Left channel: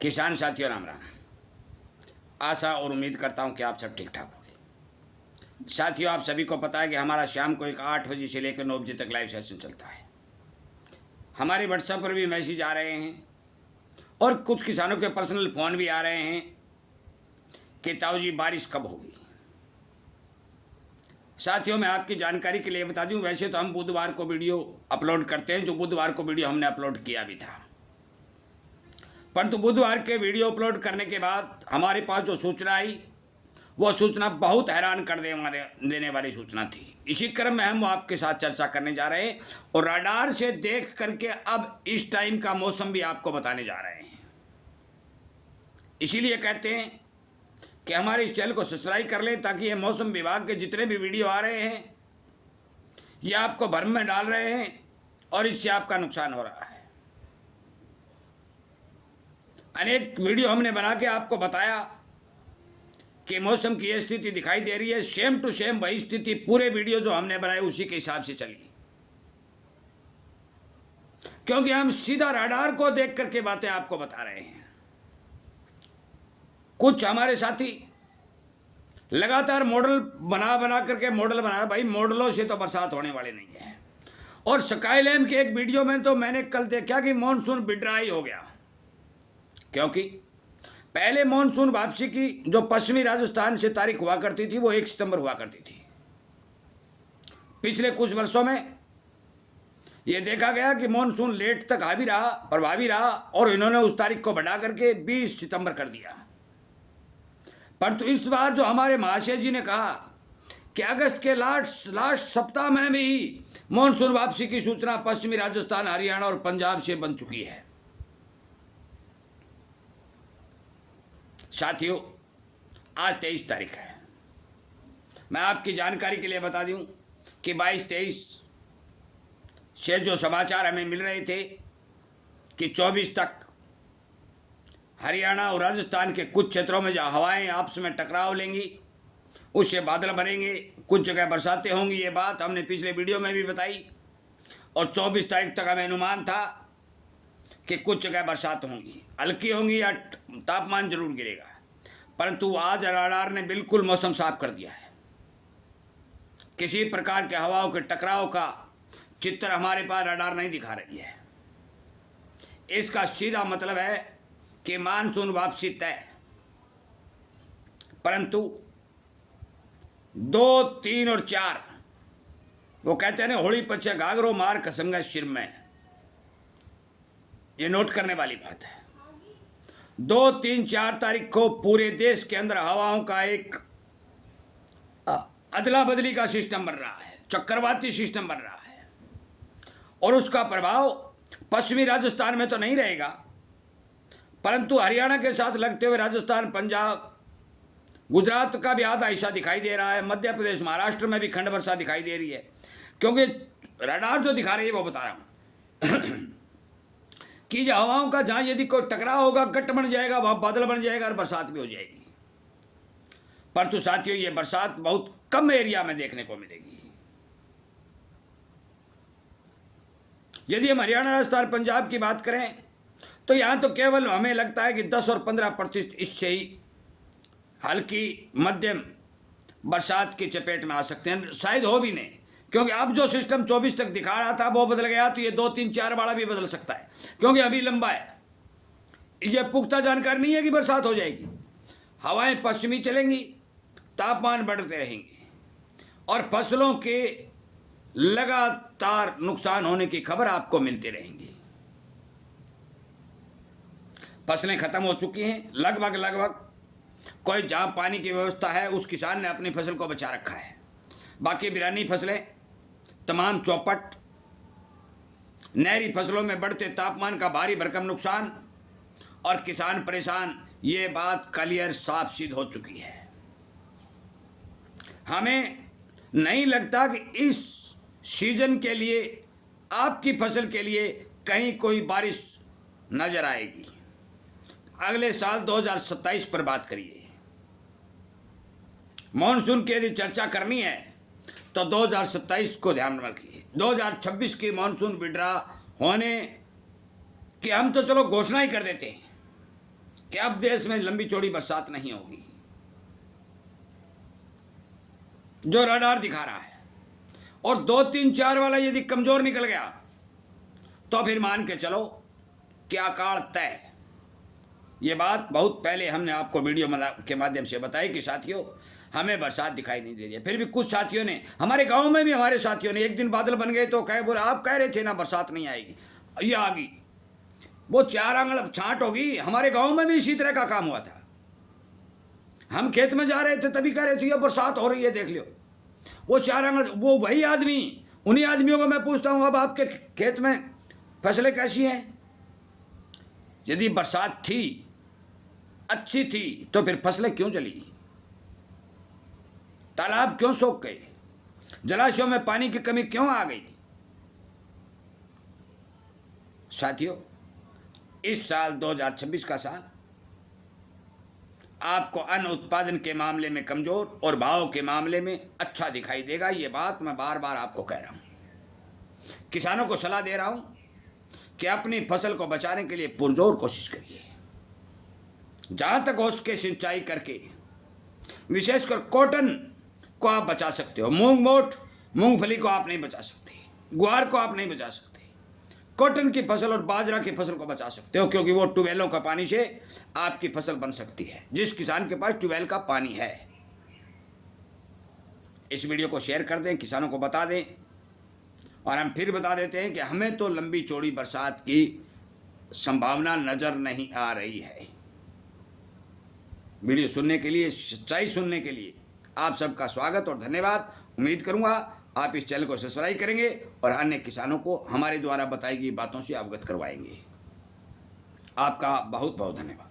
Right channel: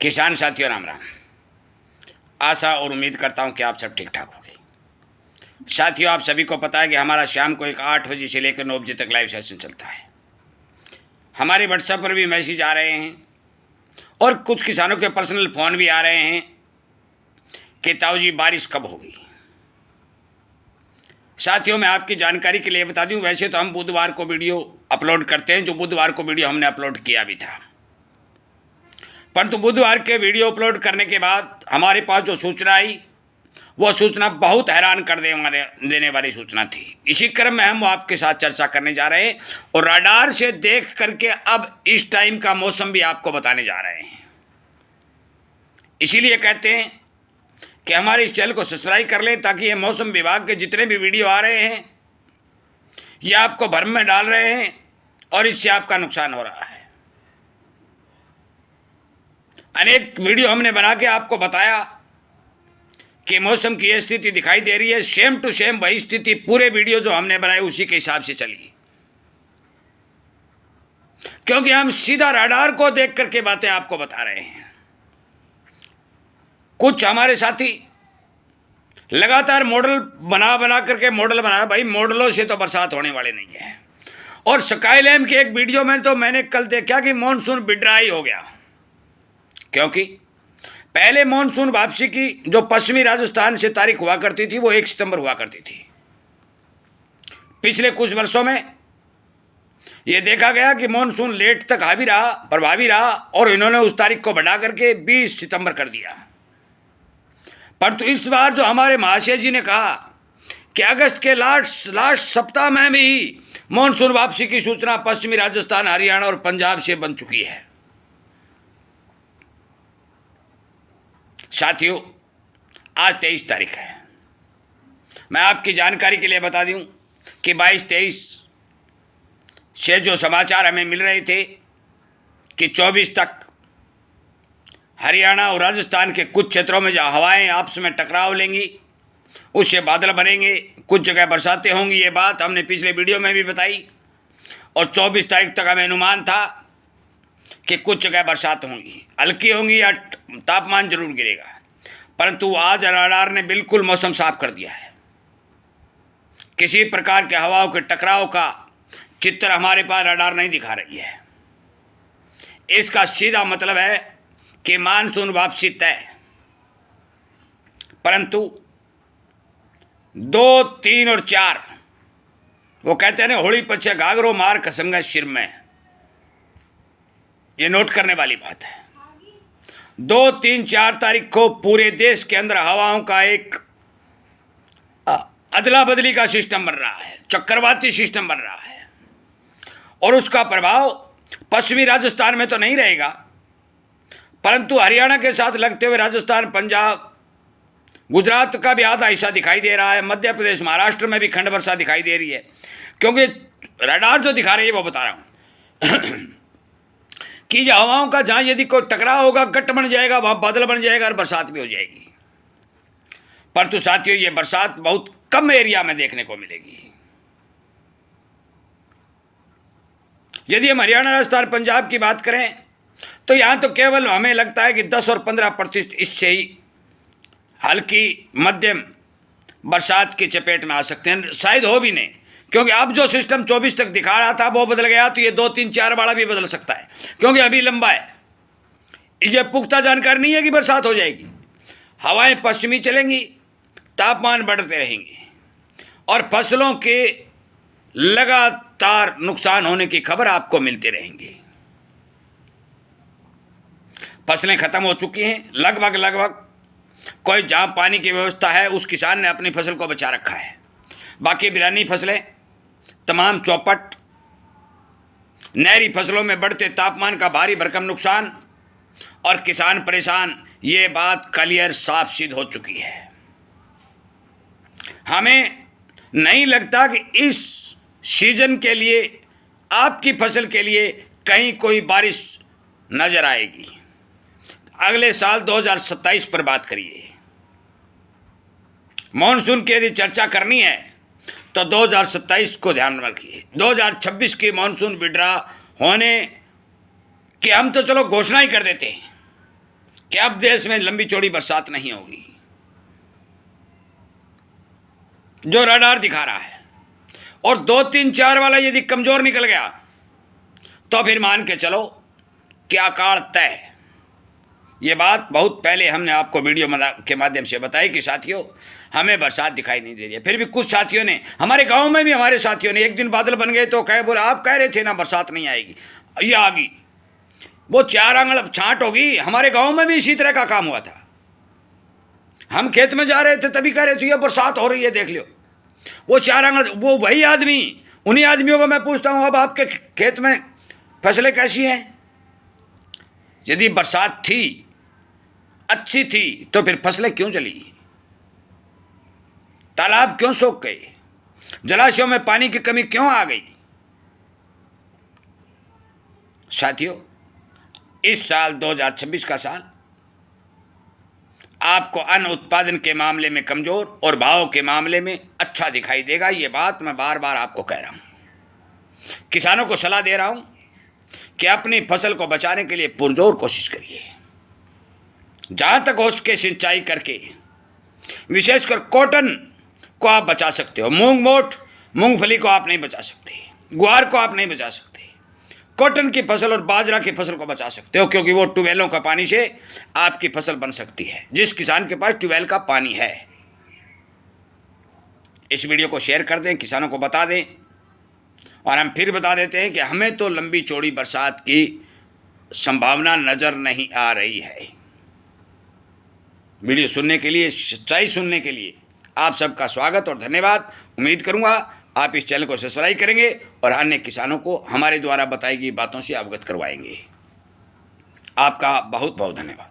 किसान साथियों राम राम। आशा और उम्मीद करता हूं कि आप सब ठीक ठाक होंगे। साथियों, आप सभी को पता है कि हमारा शाम को एक 8 बजे से लेकर 9 बजे तक लाइव सेशन चलता है। हमारे व्हाट्सएप पर भी मैसेज आ रहे हैं और कुछ किसानों के पर्सनल फ़ोन भी आ रहे हैं कि ताऊ जी बारिश कब होगी। साथियों, मैं आपकी जानकारी के लिए बता दूं, वैसे तो हम बुधवार को वीडियो अपलोड करते हैं, जो बुधवार को वीडियो हमने अपलोड किया भी था, परंतु बुधवार के वीडियो अपलोड करने के बाद हमारे पास जो सूचना आई वो सूचना बहुत हैरान कर देने वाली सूचना थी। इसी क्रम में हम आपके साथ चर्चा करने जा रहे हैं और रडार से देख करके अब इस टाइम का मौसम भी आपको बताने जा रहे हैं। इसीलिए कहते हैं कि हमारे इस चैनल को सब्सक्राइब कर लें, ताकि ये मौसम विभाग के जितने भी वीडियो आ रहे हैं ये आपको भ्रम में डाल रहे हैं और इससे आपका नुकसान हो रहा है। अनेक वीडियो हमने बना के आपको बताया कि मौसम की ये स्थिति दिखाई दे रही है, सेम टू सेम वही स्थिति पूरे वीडियो जो हमने बनाए उसी के हिसाब से चली, क्योंकि हम सीधा रडार को देख करके बातें आपको बता रहे हैं। कुछ हमारे साथी लगातार मॉडल बना करके मॉडल बनाया, भाई मॉडलों से तो बरसात होने वाले नहीं है। और स्काईलैम के एक वीडियो में तो मैंने कल देखा कि मानसून विड्राई हो गया, क्योंकि पहले मानसून वापसी की जो पश्चिमी राजस्थान से तारीख हुआ करती थी वो 1 सितंबर हुआ करती थी। पिछले कुछ वर्षों में ये देखा गया कि मानसून लेट तक हावी रहा, प्रभावी रहा, और इन्होंने उस तारीख को बढ़ा करके 20 सितंबर कर दिया। परंतु इस बार जो हमारे महाशय जी ने कहा कि अगस्त के लास्ट सप्ताह में भी मानसून वापसी की सूचना पश्चिमी राजस्थान, हरियाणा और पंजाब से बन चुकी है। साथियों, आज 23 तारीख है। मैं आपकी जानकारी के लिए बता दूं कि 22-23 से जो समाचार हमें मिल रहे थे कि 24 तक हरियाणा और राजस्थान के कुछ क्षेत्रों में जहाँ हवाएं आपस में टकराव लेंगी उससे बादल बनेंगे, कुछ जगह बरसातें होंगी। ये बात हमने पिछले वीडियो में भी बताई और 24 तारीख तक हमें अनुमान था कि कुछ जगह बरसात होंगी, हल्की होंगी या तापमान जरूर गिरेगा। परंतु आज रडार ने बिल्कुल मौसम साफ कर दिया है। किसी प्रकार के हवाओं के टकराव का चित्र हमारे पास रडार नहीं दिखा रही है। इसका सीधा मतलब है कि मानसून वापसी तय। परंतु 2, 3 और 4 वो कहते हैं ना, होली पछे घाघरो मार कसंगा सिर में। ये नोट करने वाली बात है। 2, 3, 4 तारीख को पूरे देश के अंदर हवाओं का एक अदला बदली का सिस्टम बन रहा है, चक्रवाती सिस्टम बन रहा है, और उसका प्रभाव पश्चिमी राजस्थान में तो नहीं रहेगा, परंतु हरियाणा के साथ लगते हुए राजस्थान, पंजाब, गुजरात का भी आधा हिस्सा दिखाई दे रहा है। मध्य प्रदेश, महाराष्ट्र में भी खंड वर्षा दिखाई दे रही है, क्योंकि रडार जो दिखा रही है वो बता रहा हूं कि जो हवाओं का जहां यदि कोई टकराव होगा, गट बन जाएगा, वहां बादल बन जाएगा और बरसात भी हो जाएगी। परंतु साथियों, ये बरसात बहुत कम एरिया में देखने को मिलेगी। यदि हम हरियाणा, राजस्थान, पंजाब की बात करें तो यहां तो केवल हमें लगता है कि 10 और 15% इससे ही हल्की मध्यम बरसात की चपेट में आ सकते हैं, शायद हो भी नहीं, क्योंकि अब जो सिस्टम 24 तक दिखा रहा था वो बदल गया, तो ये 2, 3, 4 वाला भी बदल सकता है, क्योंकि अभी लंबा है। ये पुख्ता जानकारी नहीं है कि बरसात हो जाएगी। हवाएं पश्चिमी चलेंगी, तापमान बढ़ते रहेंगे और फसलों के लगातार नुकसान होने की खबर आपको मिलती रहेंगी। फसलें खत्म हो चुकी हैं लगभग। कोई जहाँ पानी की व्यवस्था है उस किसान ने अपनी फसल को बचा रखा है, बाकी बिरानी फसलें तमाम चौपट। नहरी फसलों में बढ़ते तापमान का भारी भरकम नुकसान और किसान परेशान, ये बात क्लियर साफ सिद्ध हो चुकी है। हमें नहीं लगता कि इस सीजन के लिए, आपकी फसल के लिए कहीं कोई बारिश नजर आएगी। अगले साल 2027 पर बात करिए। मॉनसून की यदि चर्चा करनी है तो 2027 को ध्यान में रखिए। 2026 की मॉनसून विड्रा होने की हम तो चलो घोषणा ही कर देते हैं, कि अब देश में लंबी चौड़ी बरसात नहीं होगी, जो रडार दिखा रहा है, और 2, 3, 4 वाला यदि कमजोर निकल गया तो फिर मान के चलो कि अकाल तय। ये बात बहुत पहले हमने आपको वीडियो के माध्यम से बताई कि साथियों हमें बरसात दिखाई नहीं दे रही है। फिर भी कुछ साथियों ने, हमारे गांव में भी हमारे साथियों ने, एक दिन बादल बन गए तो कहे बोले आप कह रहे थे ना बरसात नहीं आएगी, ये आ गई, वो 4 आंगल छांट होगी। हमारे गांव में भी इसी तरह का काम हुआ था। हम खेत में जा रहे थे तभी कह रहे थे ये बरसात हो रही है देख लो, वो 4 आंगल, वो वही आदमी, उन्हीं आदमियों को मैं पूछता हूँ अब आपके खेत में फसलें कैसी हैं? यदि बरसात थी, अच्छी थी, तो फिर फसलें क्यों जली? तालाब क्यों सूख गए? जलाशयों में पानी की कमी क्यों आ गई? साथियों इस साल 2026 का साल आपको अन्न उत्पादन के मामले में कमजोर और भाव के मामले में अच्छा दिखाई देगा। ये बात मैं बार बार आपको कह रहा हूं। किसानों को सलाह दे रहा हूं कि अपनी फसल को बचाने के लिए पुरजोर कोशिश करिए। जहां तक हो सके सिंचाई करके, विशेषकर कॉटन को आप बचा सकते हो। मूंग मोट, मूंगफली को आप नहीं बचा सकते, ग्वार को आप नहीं बचा सकते, कॉटन की फसल और बाजरा की फसल को बचा सकते हो, क्योंकि वो ट्यूबवेलों का पानी से आपकी फसल बन सकती है, जिस किसान के पास ट्यूबवेल का पानी है। इस वीडियो को शेयर कर दें, किसानों को बता दें, और हम फिर बता देते हैं कि हमें तो लंबी चौड़ी बरसात की संभावना नज़र नहीं आ रही है। वीडियो सुनने के लिए, सच्चाई सुनने के लिए आप सबका स्वागत और धन्यवाद। उम्मीद करूंगा आप इस चैनल को सब्सक्राइब करेंगे और अन्य किसानों को हमारे द्वारा बताई गई बातों से अवगत करवाएंगे। आपका बहुत बहुत धन्यवाद।